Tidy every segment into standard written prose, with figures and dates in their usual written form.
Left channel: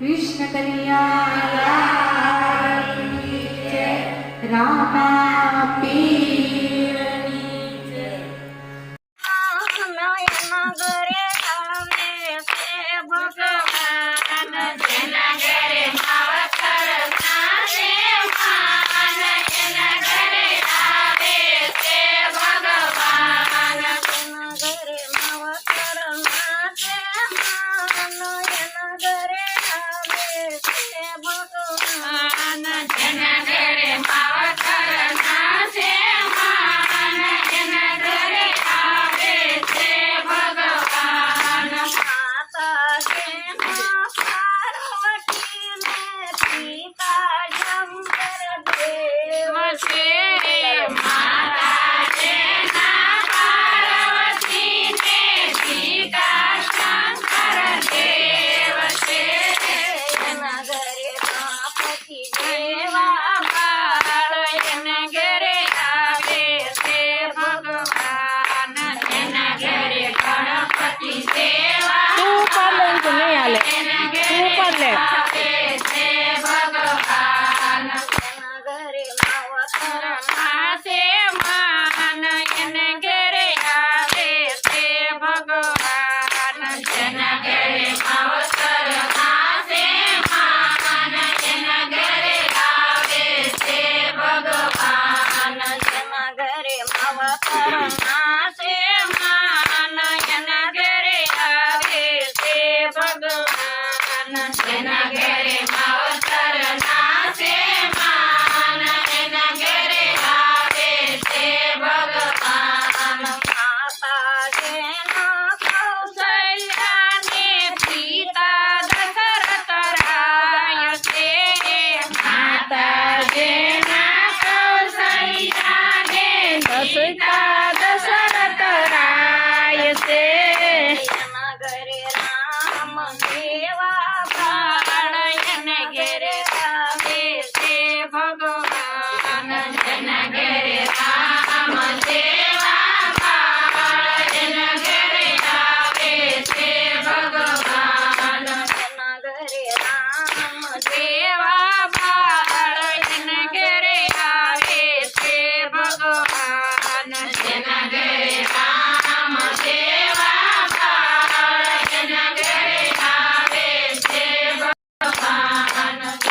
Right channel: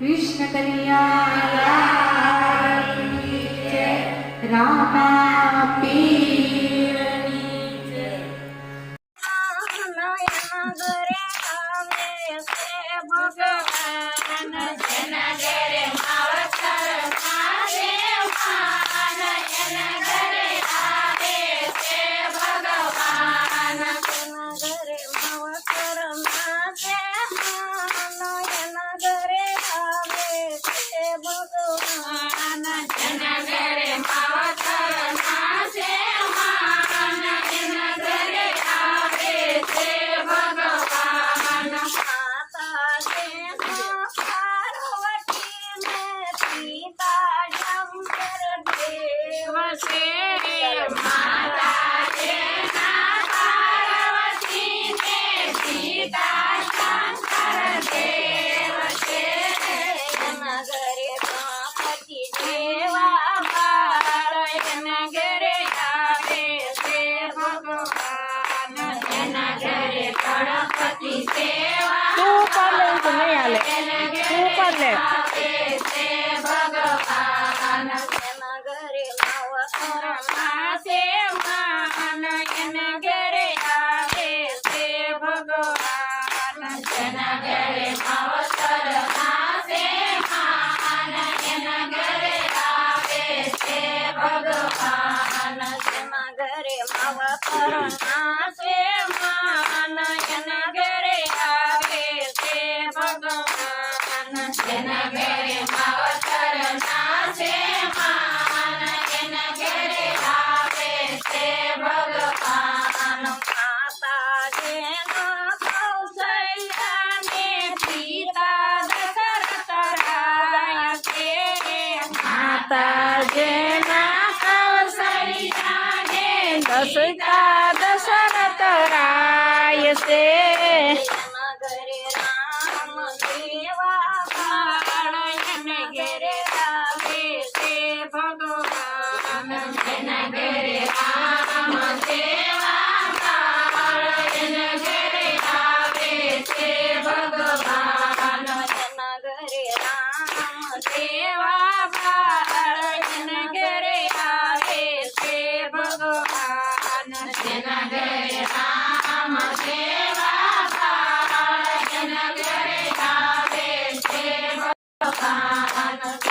कृष्ण कन्हैया की जय। रामा पीરની જય। सीता दशरथ राय से घेरे रामे से भगवान जन घेरे राम देवा जन घेरे रामे से भगवान जन घेरे राम देवा जन घेरे रामे से भगवान जन घेरे राम देवा जन घेरे रामे से भगवान।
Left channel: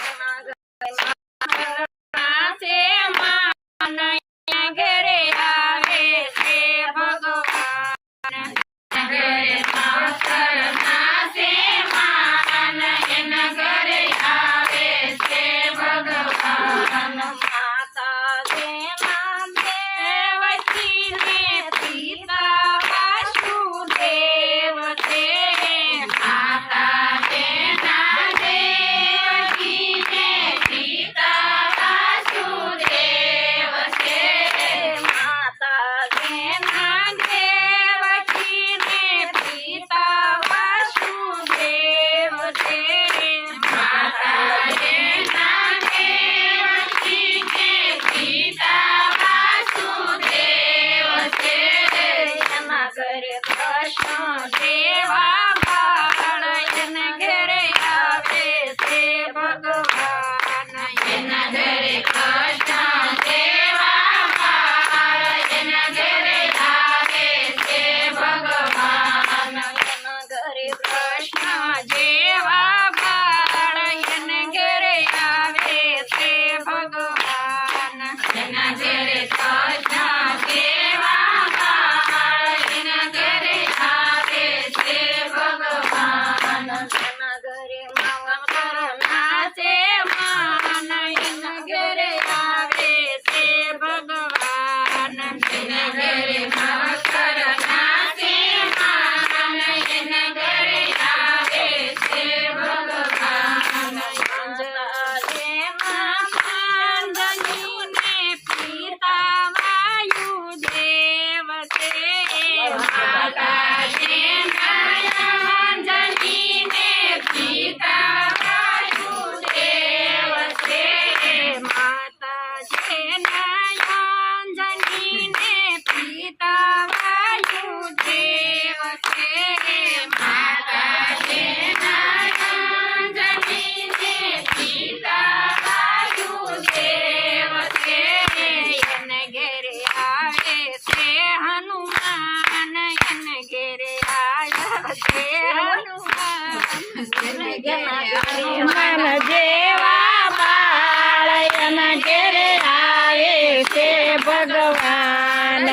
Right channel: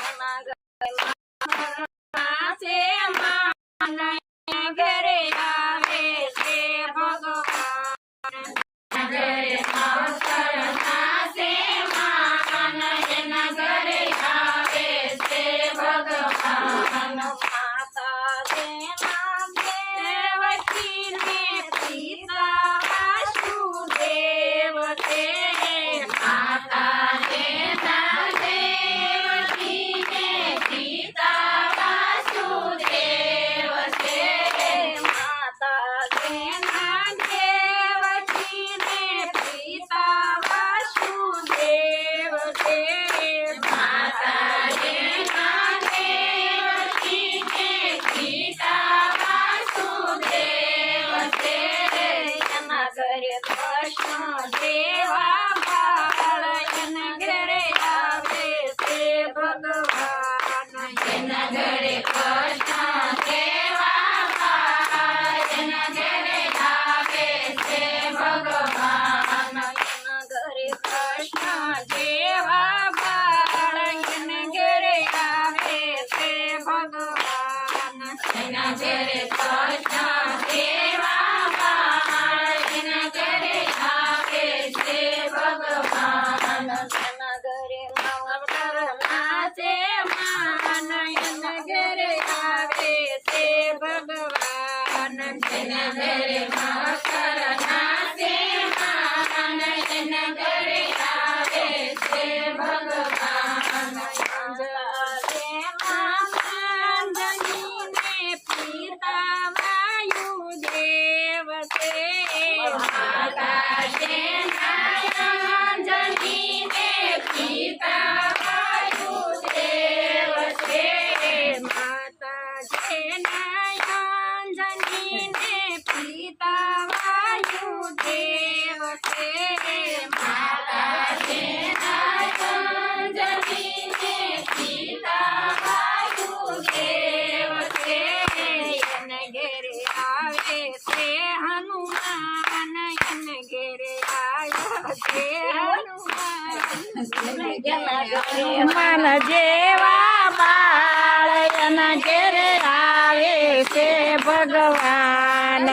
હનુમાન જેવા બાળ એના ઘેરે આવે છે ભગવાન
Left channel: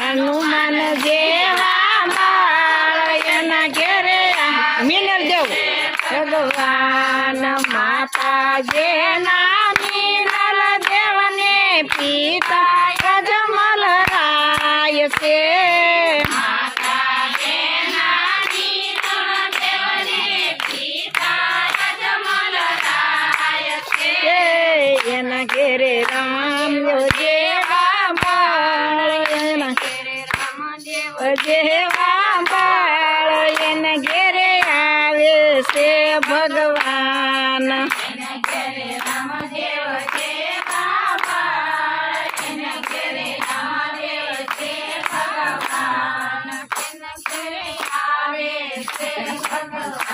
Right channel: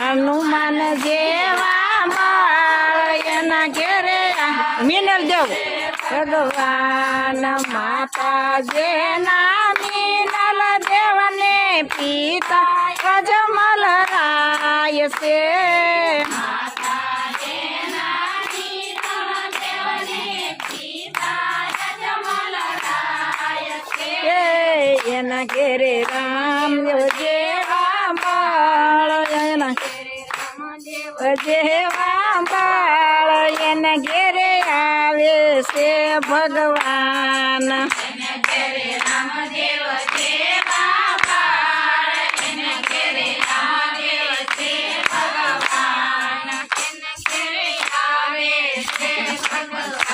હનુમાન જેવા બાળ એના ઘેરે મિનલ દેવ ભગવાન માતા જેના મિનલ દેવને પિતા અજમલ રાય છે એના ઘેરે રામ જેવા બાળ એના જેવા બાળ એના ઘેરે આવે છે ભગવાન ભગવાન